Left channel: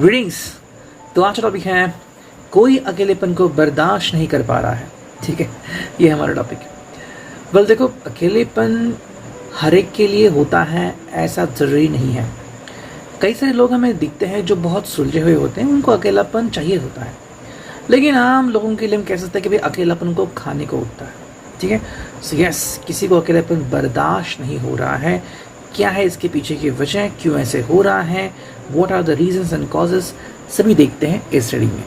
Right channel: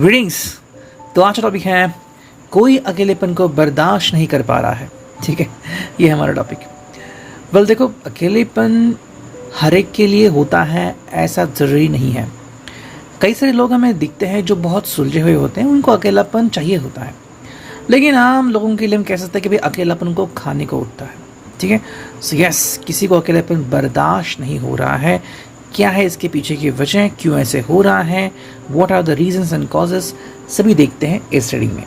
Greetings. तो आज का टॉपिक है कोई अकेलेपन को बर्दाश्त नहीं कर पा रहा है। ठीक है, ये हमारा टॉपिक। वेल देखो, अकेलेपन हर एक के लिए होता है, ऐसा ज़रूरी नहीं है। कई सारे लोग हमें दिखते हैं जो बहुत सुलझे हुए होते हैं, उनको अकेलापन चाहिए होता है। लेकिन आम लोगों के लिए हम कह सकते हैं कि भाई अकेलापन को खाने को उठता है। ठीक है, सो यस, किसी को अकेलापन बर्दाश्त नहीं हो रहा है। क्या है इसके पीछे की वजह, क्यों ऐसे हो रहा है, what are the reasons and causes, सभी देखते हैं इस रीडिंग में।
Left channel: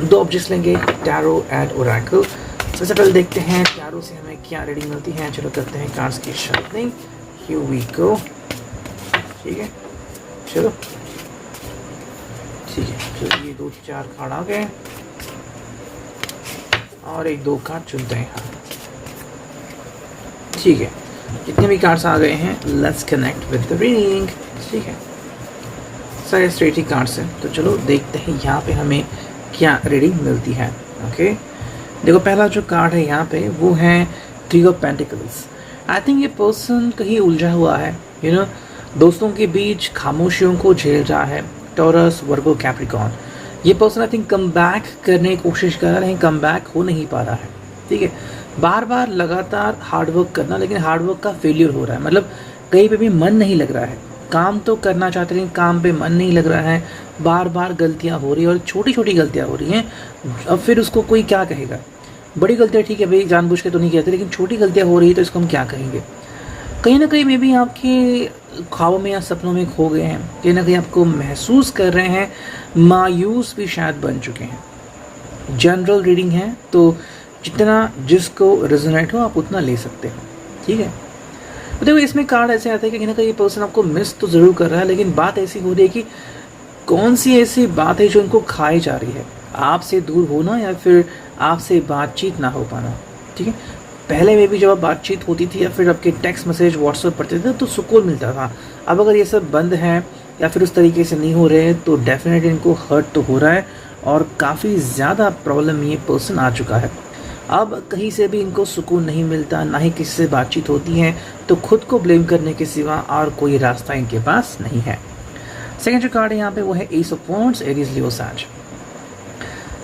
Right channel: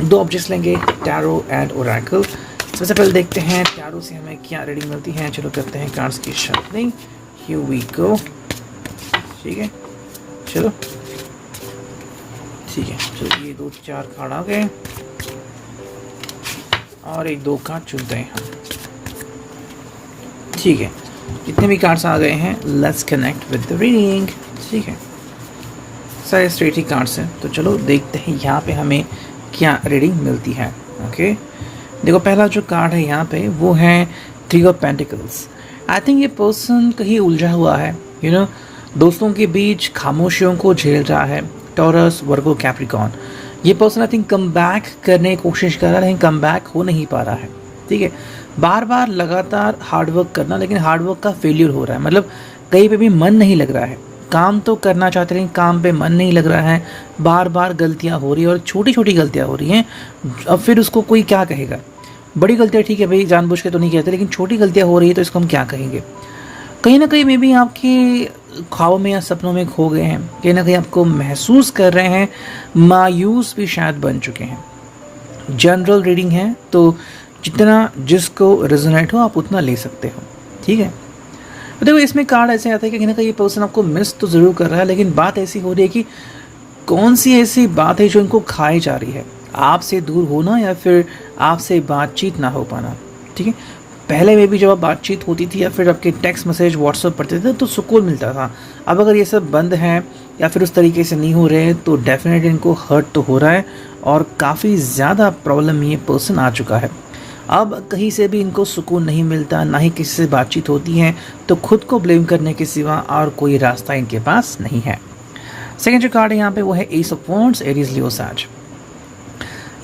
दो ऑब्जेक्ट्स लेंगे, टैरो एंड ओरेकल। सबसे पहले देखते हैं टैरो से हमें क्या रीडिंग मिलती है। चलो करते हैं कार्ड्स की शफलिंग। Here we go. ठीक है, चलो ठीक है, चलो ये 2-4 कार्ड आ गए और 1-2 कार्ड चुनते हैं। ठीक है, जितने भी कार्ड्स आ गए हैं, let's connect with the reading. ठीक है, सारे स्ट्रेट ही कार्ड्स हैं, तो चलो देखते हैं यहाँ पे हमें क्या रीडिंग मिलती है। ओके, देखो पहला जो कार्ड है यहाँ पे वो है 3 ऑफ पेंटिकल्स। आई थिंक ये पर्सन कहीं उलझा हुआ है, यू नो, दोस्तों के बीच खामोशियों को झेल रहा है। टॉरस, वर्गो, कैप्रिकॉर्न। ये person I think come back करने की कोशिश कर रहा है, लेकिन कम बैक हो नहीं पा रहा है। ठीक है, बार बार लगातार हार्डवर्क करना, लेकिन हार्डवर्क का फेलियर हो रहा है। मतलब कहीं पे भी मन नहीं लग रहा है। काम तो करना चाहते हैं, काम पे मन नहीं लग रहा है। बार बार गलतियां हो रही है और छोटी छोटी गलतियां हो रही हैं। अब फिर उसको कोई क्या कहेगा। बड़ी गलतियां ठीक है भाई, जानबूझ के तो नहीं कहते, लेकिन छोटी गलतियां हो रही है तो इसको हम क्या कहेंगे। कहीं ना कहीं मे भी आपके ख्वाबों में या सपनों में खो गए हैं। कहीं ना कहीं आपको महसूस कर रहे हैं, मायूस भी शायद बन चुके हैं। जनरल रीडिंग है, तो जितना जिसको रेजोनेट हो आप उतना ले सकते हो। ठीक है, तो देखो इसमें कार्ड ऐसे आता है कि कहीं ना कहीं ये पर्सन आपको मिस तो ज़रूर कर रहा है, लेकिन बात ऐसी हो रही है कि कौन सी ऐसी बात है जो इनको खाई जा रही है। आपसे दूर होना या फिर आपसे बातचीत ना हो पाना। ठीक है, पहले में भी जब आप बातचीत होती थी या फिर आपके टेक्स्ट मैसेज व्हाट्सएप पढ़ते थे तो सुकून मिलता था। अब अगर ये सब बंद है या फिर उस तरीके से नहीं हो रहे तो डेफिनेटली इनको हर्ट तो हो रहा है और काफ़ी ज़्यादा प्रॉब्लम ये पर्सन आ चुका है। अब कहीं से भी इनको सुकून नहीं मिलता, ना ही किसी से बातचीत होती है, तो खुद को ब्लेम करने के सिवा और कोई रास्ता इनके पास नहीं है। सेकंड जो कार्ड है यहाँ पे वो है एस ऑफ वॉन्ड्स, एरीज, लियो, सैज।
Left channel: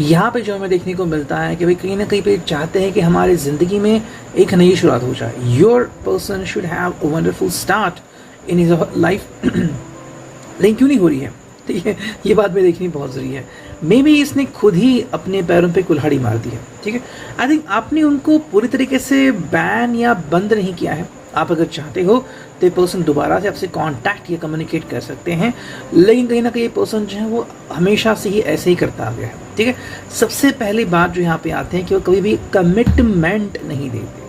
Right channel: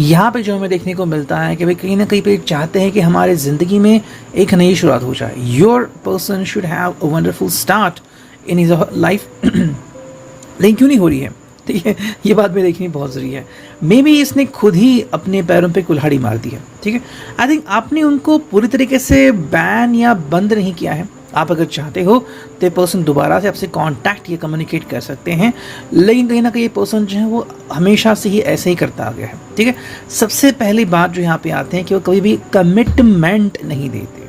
यहाँ पे जो हमें देखने को मिलता है कि भाई कहीं ना कहीं पे चाहते हैं कि हमारे ज़िंदगी में एक नई शुरुआत हो जाए। Your person should have a wonderful start in his life, लेकिन क्यों नहीं हो रही है। ठीक है, ये बात में देखनी बहुत ज़रूरी है। मे बी इसने खुद ही अपने पैरों पे कुल्हाड़ी मार दी है। ठीक है, आई थिंक आपने उनको पूरी तरीके से बैन या बंद नहीं किया है। आप अगर चाहते हो तो ये पर्सन दोबारा से आपसे कांटेक्ट या कम्युनिकेट कर सकते हैं, लेकिन कहीं ना कहीं ये पर्सन जो है वो हमेशा से ही ऐसे ही करता आ गया है। ठीक है, सबसे पहली बात जो यहाँ पे आते हैं कि वो कभी भी कमिटमेंट नहीं देते।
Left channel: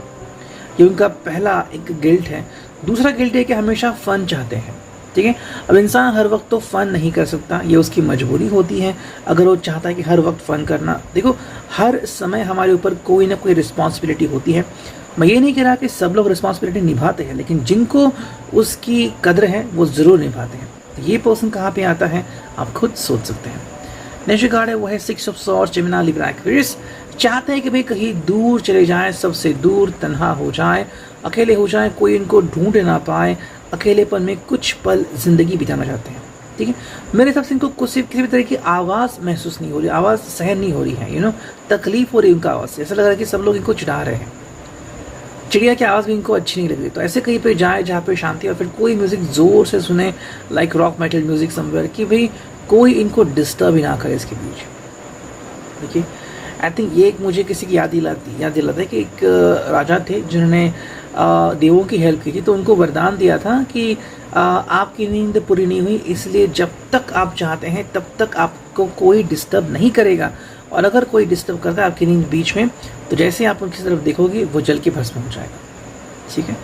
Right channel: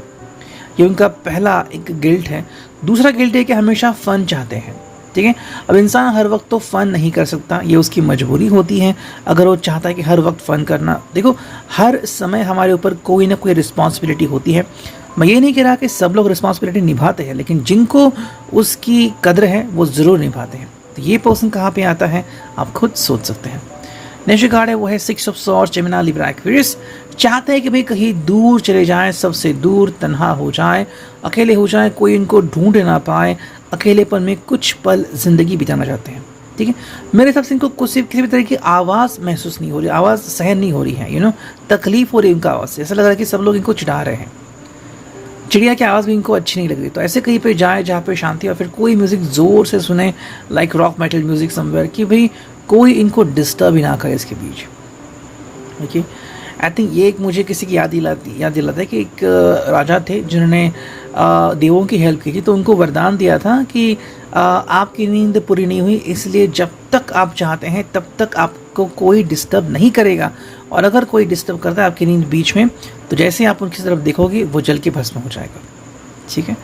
ये उनका पहला एक गिल्ट है। दूसरा गिल्ट है कि हमेशा फन चाहते हैं। ठीक है, अब इंसान हर वक्त तो फ़न नहीं कर सकता, ये उसकी मजबूरी होती है। अगर वो चाहता है कि हर वक्त फ़न करना, देखो हर समय हमारे ऊपर कोई ना कोई रिस्पॉन्सिबिलिटी होती है। मैं ये नहीं कह रहा कि सब लोग रिस्पॉन्सिबिलिटी निभाते हैं, लेकिन जिनको उसकी कदर है वो ज़रूर निभाते हैं। तो ये पर्सन कहाँ पे आता है आप खुद सोच सकते हैं। नेक्स्ट कार्ड है वो है 6 of swords, Gemini, Libra, Aquarius. चाहते हैं कि भाई कहीं दूर चले जाएं, सबसे दूर, तन्हा हो जाएं, अकेले हो जाएं, कोई इनको ढूंढ ना पाए। अकेलेपन में कुछ पल जिंदगी बिताना चाहते हैं। ठीक है, मेरे हिसाब से इनको किसी भी तरह की आवाज़ महसूस नहीं हो रही, आवाज़ सहन नहीं हो रही है। यू नो, तकलीफ हो रही है इनका आवाज़ से। ऐसा लग रहा है कि सब लोग इनको चिढ़ा रहे हैं। चिड़िया की आवाज़ भी इनको अच्छी नहीं लग रही। तो ऐसे कहीं पे जाए जहाँ पे शांति, और फिर कोई म्यूज़िक ज़ोर से सुने, like rock metal music somewhere, कि भाई कोई इनको डिस्टर्ब ही ना करे इसके बीच। ओके, आई थिंक ये एक मुझे किसी की याद दिलाता है कि एक राजा थे जिन्होंने देवों की हेल्प की थी, तो उनको वरदान दिया था कि आपकी नींद पूरी नहीं हुई, इसलिए जब तक आप चाहते हैं तब तक आपको कोई डिस्टर्ब नहीं करेगा, और अगर कोई डिस्टर्ब करता है आपकी नींद बीच में, तो जैसे आप उनकी तरफ देखोगे वो जल के भस्म हो जाएगा। ठीक है,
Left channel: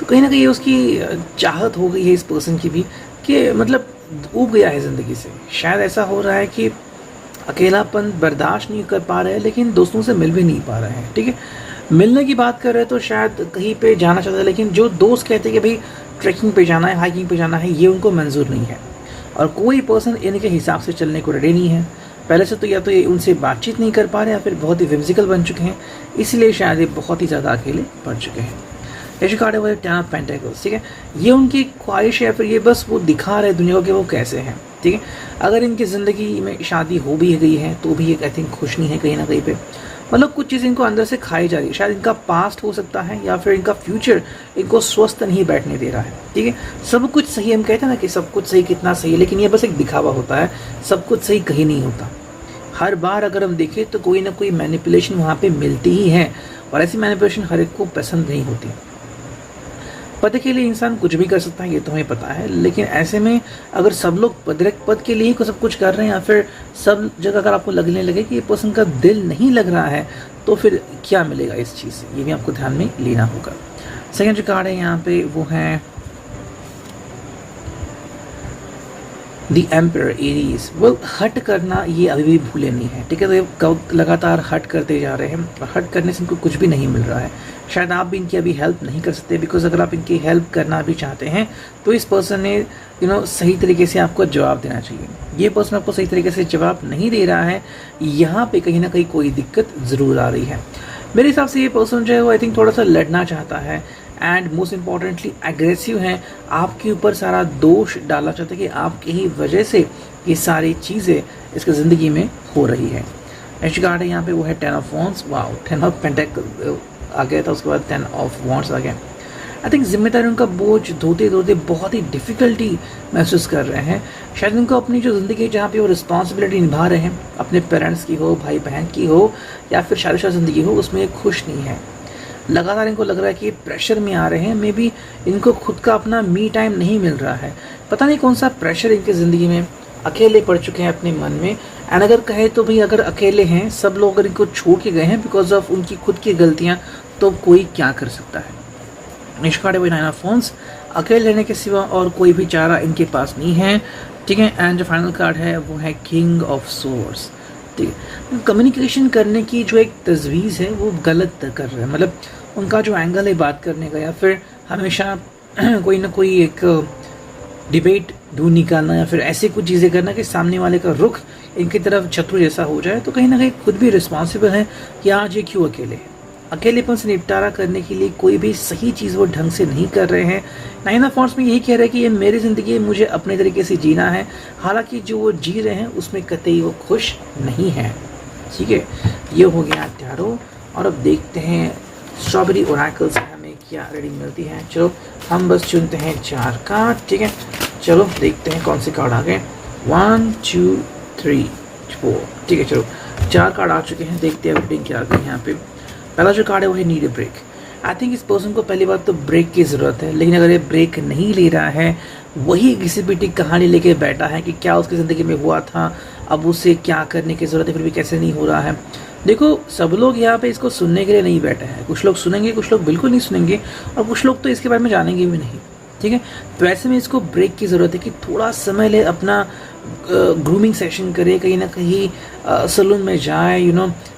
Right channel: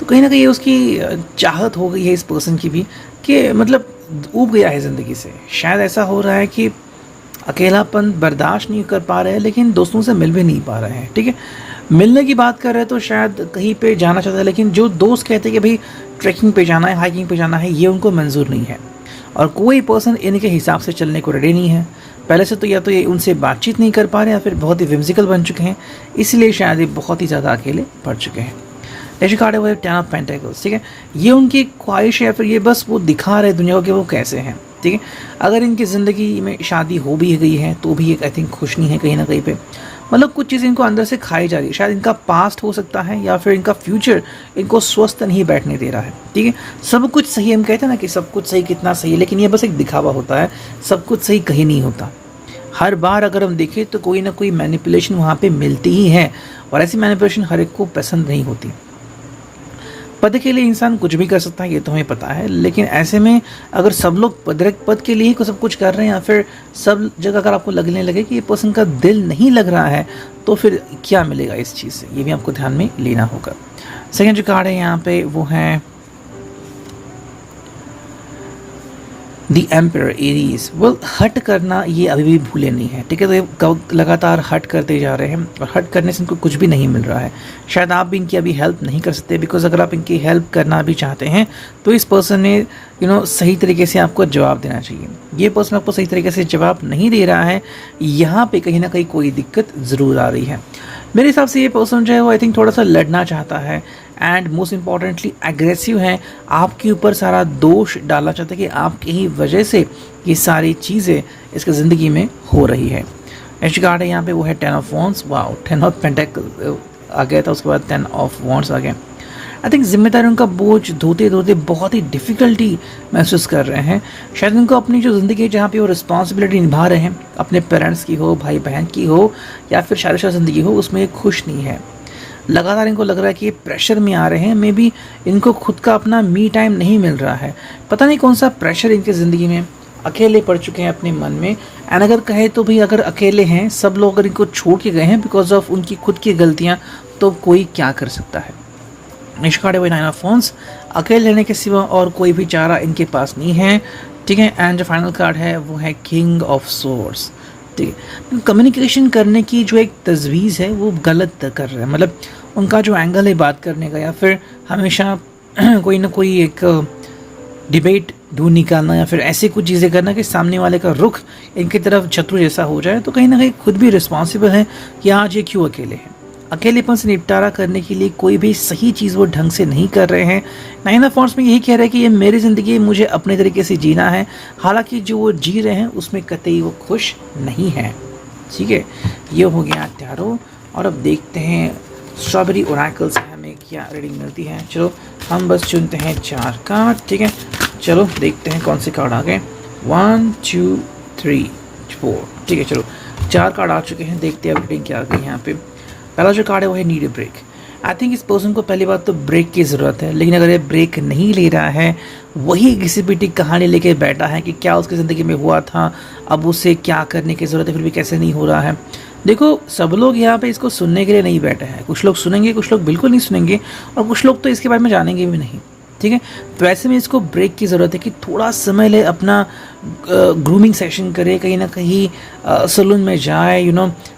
तो कहीं ना कहीं उसकी चाहत हो गई है इस पर्सन की भी, कि मतलब ऊब गया है ज़िंदगी से। शायद ऐसा हो रहा है कि अकेलापन बर्दाश्त नहीं कर पा रहे हैं, लेकिन दोस्तों से मिल भी नहीं पा रहे हैं। ठीक है, मिलने की बात कर रहे हैं तो शायद कहीं पे जाना चाहता है, लेकिन जो दोस्त कहते हैं कि भाई ट्रैकिंग पे जाना है, हाइकिंग पे जाना है, ये उनको मंजूर नहीं है। और कोई पर्सन इनके हिसाब से चलने को रेडी नहीं है। पहले से तो या तो ये उनसे बातचीत नहीं कर पा रहे, या फिर बहुत ही विम्सिकल बन चुके हैं, इसलिए शायद ये बहुत ही ज़्यादा अकेले पड़ चुके हैं। ऐसे कार्ड है वो 10 ऑफ पेंटिकल्स। ठीक है, ये उनकी ख्वाहिश है, या फिर ये बस वो दिखा रहे दुनिया को कि वो कैसे हैं। ठीक है। अगर इनकी ज़िंदगी में शादी हो भी गई है तो भी एक आई थिंक खुश नहीं है कहीं ना कहीं पे, मतलब कुछ चीज़ इनको अंदर से खाई जा रही है। शायद इनका पास्ट हो सकता है या फिर इनका फ्यूचर इनको स्वस्थ नहीं बैठने दे रहा है। ठीक है, सब कुछ सही, हम कहते हैं ना कि सब कुछ सही कितना सही है, लेकिन ये बस एक दिखावा होता है, सब कुछ सही कहीं नहीं होता। हर बार अगर हम देखें तो कोई ना कोई मैनिपुलेशन वहाँ पे मिलती ही है, और ऐसी मैनिपुलेशन हर एक को पसंद नहीं होती। पद के लिए इंसान कुछ भी कर सकता है, ये तो हमें पता है, लेकिन ऐसे में अगर सब लोग पद के लिए ही सब कुछ कर रहे हैं, या फिर सब जगह अगर आपको लगने लगे कि ये पर्सन का दिल नहीं लग रहा है, तो फिर क्या मिलेगा इस चीज़ से, ये भी आपको ध्यान में लेना होगा। सेकेंड जो कार्ड है यहाँ पे वो है दी एम्पर एरीज। वेल, हट करना ये अभी भी भूले नहीं है। ठीक है, तो ये लगातार हट करते जा रहे हैं, और हट करने से इनको कुछ भी नहीं मिल रहा है। शायद आप भी इनकी अभी हेल्प नहीं कर सकते, बिकॉज अगर आप इनकी हेल्प करना भी चाहते हैं तो इस पर्सन ने सही तरीके से आपको जवाब देना चाहिए। ये पर्सन आपको सही तरीके से जवाब नहीं दे रहा है, यहाँ पे कहीं ना कहीं कोई दिक्कत ज़रूर आ रही है। मेरे हिसाब से ये पर्सन जो है वो आई थिंक थोड़ा सा लड़ना चाहता है, एंड मोस्ट इम्पॉर्टेंटली एग्रेसिव है, आपके ऊपर सारा दोष डालना चाहते हैं कि आपकी ही वजह से ये सारी चीज़ें इसकी ज़िंदगी में हो रही है। नेक्स्ट कार्ड है यहाँ पे वो है 10 of wands. Wow, 10 of pentacle आ गया था, उसके बाद 10 ऑफ वॉन्ड्स आ गया। आई थिंक जिम्मेदारी उनका बोझ धोते धोते बहुत ही डिफ़िकल्टी महसूस कर रहे हैं। शायद उनको अपनी जो ज़िंदगी है जहाँ पे वो रिस्पॉन्सिबिलिटी निभा रहे हैं, अपने पेरेंट्स की हो, भाई बहन की हो, या फिर शादीशुदा ज़िंदगी हो, उसमें खुश नहीं है। लगातार इनको लग रहा है कि ये प्रेशर में आ रहे हैं, मे बी इनको खुद का अपना मी टाइम नहीं मिल रहा है। पता नहीं कौन सा प्रेशर इनकी ज़िंदगी में, अकेले पड़ चुके हैं अपने मन में। एंड अगर कहे तो भी अगर अकेले हैं, सब लोग अगर इनको छोड़ के गए हैं बिकॉज ऑफ उनकी खुद की गलतियाँ, तो कोई क्या कर सकता है। नेक्स्ट कार्ड है 9 ऑफ वॉन्ड्स। अकेले रहने के सिवा और कोई भी चारा इनके पास नहीं है। ठीक है, एंड जो फाइनल कार्ड है वो है किंग ऑफ सोर्ड्स। ठीक है, कम्युनिकेशन करने की जो एक तजवीज़ है वो गलत कर रहे हैं, मतलब उनका जो एंगल है बात करने का, या फिर हमेशा कोई ना कोई एक डिबेट ढूंढ निकालना, या फिर ऐसे कुछ चीज़ें करना कि सामने वाले का रुख इनकी तरफ शत्रु जैसा हो जाए, तो कहीं ना कहीं खुद भी रिस्पॉन्सिबल है कि आज ये क्यों अकेले हैं। अकेलेपन से निपटारा करने के लिए कोई भी सही चीज़ वो ढंग से नहीं कर रहे हैं। 9 ऑफ वॉन्ड्स में यही कह रहे हैं कि ये मेरी ज़िंदगी मुझे अपने तरीके से जीना है, हालांकि जो वो जी रहे हैं उसमें कतई वो खुश नहीं है। ठीक है, ये हो गया त्यारो, और अब देखते हैं स्ट्रॉबेरी ओरेकल से हमें क्या रीडिंग मिलती है। चलो हम बस चुनते हैं 4 कार्ड। ठीक है, चलो देखते हैं कौन से कार्ड आ गए। 1 2 3 4। ठीक है, चलो 4 कार्ड आ चुके हैं, देखते हैं रीडिंग क्या आ गई यहाँ पे। पहला जो कार्ड है वो है need a break. I think इस पर्सन को पहली बात तो ब्रेक की ज़रूरत है, लेकिन अगर ये ब्रेक नहीं ले रहा है, वही घिसी पिटी कहानी लेके बैठा है कि क्या उसकी ज़िंदगी में हुआ था, अब उसे क्या करने की ज़रूरत है, फिर भी कैसे नहीं हो रहा है। देखो, सब लोग यहाँ पे इसको सुनने के लिए नहीं बैठे हैं। कुछ लोग सुनेंगे, कुछ लोग बिल्कुल नहीं सुनेंगे, और कुछ लोग तो इसके बारे में जानेंगे भी नहीं। ठीक है, तो ऐसे में इसको ब्रेक की ज़रूरत है कि थोड़ा समय ले, अपना ग्रूमिंग सेशन करे, कहीं ना कहीं सलून में जाए,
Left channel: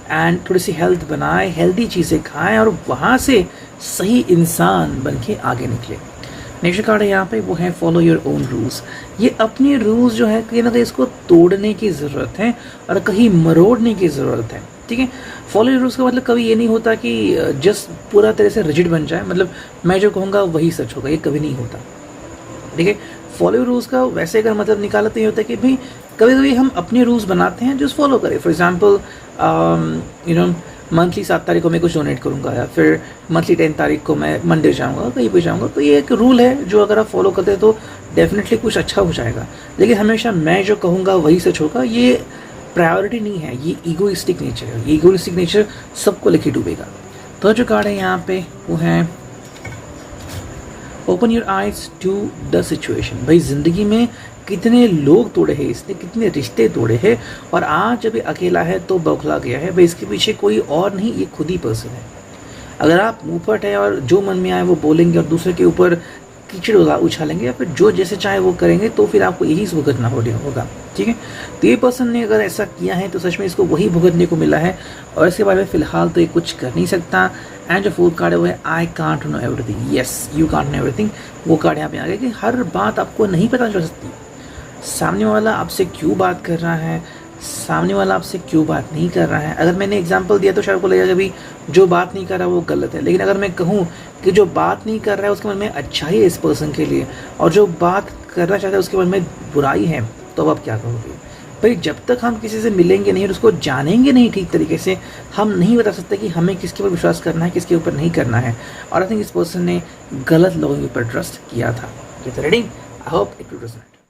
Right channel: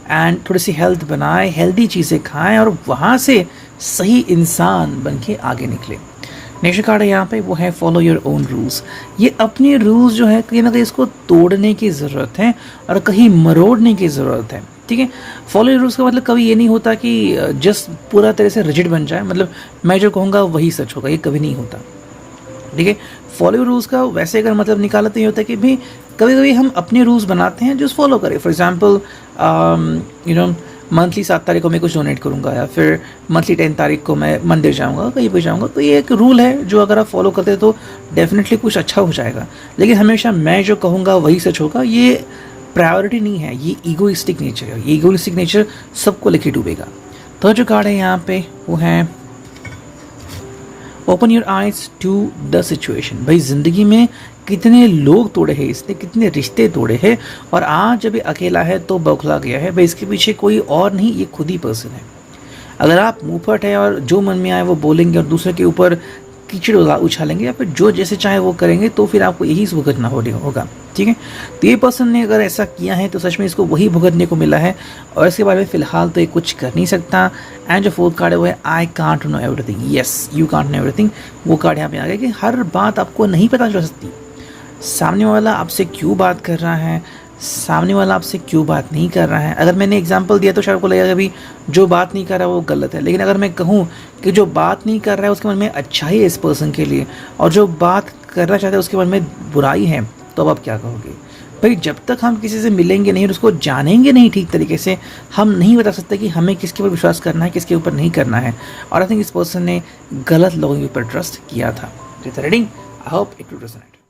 एंड थोड़ी सी हेल्थ बनाए, हेल्दी चीज़ें खाएं, और वहाँ से सही इंसान बन के आगे निकले। नेक्स्ट कार्ड है यहाँ पे वो है फॉलो योर ओन रूल्स। ये अपने रूल्स जो है कहीं ना कहीं इसको तोड़ने की ज़रूरत है, और कहीं मरोड़ने की ज़रूरत है। ठीक है, फॉलो योर रूल्स का मतलब कभी ये नहीं होता कि जस्ट पूरा तरह से रिजिड बन जाए, मतलब मैं जो कहूँगा वही सच होगा, ये कभी नहीं होता। ठीक है, फॉलो योर रूल्स का वैसे अगर मतलब निकाला तो ये होता है कि भी कभी कभी हम अपने रूल्स बनाते हैं जो फॉलो करें। फॉर एग्जाम्पल मंथली 7 तारीख को मैं कुछ डोनेट करूँगा, या फिर मंथली 10 तारीख को मैं मंदिर जाऊँगा, कहीं पर जाऊँगा, तो ये एक रूल है जो अगर आप फॉलो करते हैं तो डेफिनेटली कुछ अच्छा हो जाएगा। लेकिन हमेशा मैं जो कहूँगा वही सच होगा, ये प्रायोरिटी नहीं है, ये ईगोइस्टिक नेचर है। ये ईगोइस्टिक नेचर सबको लेके डूबेगा। तो जो कार्ड है यहाँ पे वो है open your eyes to the situation. भाई, जिंदगी में कितने लोग तोड़े हैं इसने, कितने रिश्ते तोड़े हैं, और आज जब ये अकेला है तो बौखला गया है। भाई, इसके पीछे कोई और नहीं, ये खुद ही पर्सन है। अगर आप मुंहफट है और जो मन में आए वो बोलेंगे और दूसरे के ऊपर कीचड़ उछालेंगे, या फिर जो जैसे चाहे वो करेंगे, तो फिर आपको यही भुगतना होगा। ठीक है, तो ये पर्सन ने अगर ऐसा किया है तो सच में इसको वही भुगतने को मिला है, और इसके बारे में फिलहाल तो ये कुछ कर नहीं सकता। एंड जो 4th कार्ड है वो है I can't know everything. Yes, you can't know everything. वो कार्ड यहाँ पे आ गया कि हर बात आपको नहीं पता चल सकती। सामने वाला आपसे क्यों बात कर रहा है, सामने वाला आपसे क्यों बात नहीं कर रहा है। अगर मैंने एग्जांपल दिया तो शायद को लगेगा कि जो बात नहीं कर रहा है वो गलत है, लेकिन अगर मैं कहूँ कि जो बात नहीं कर रहा है उसके मन में अच्छा ही है इस पर्सन के लिए, और जो बात करना चाहता है उसके मन में बुराई है, तो अब आप क्या कहोगे? भाई जब तक हम किसी से मिलेंगे नहीं और उसको जानेंगे नहीं ठीक तरीके से, हम नहीं बता सकते कि हमें किसके ऊपर विश्वास करना है, किसके ऊपर नहीं करना है। और आई थिंक इस पर्सन ने गलत लोगों के ऊपर ट्रस्ट किया था। Reading, I hope it will resonate.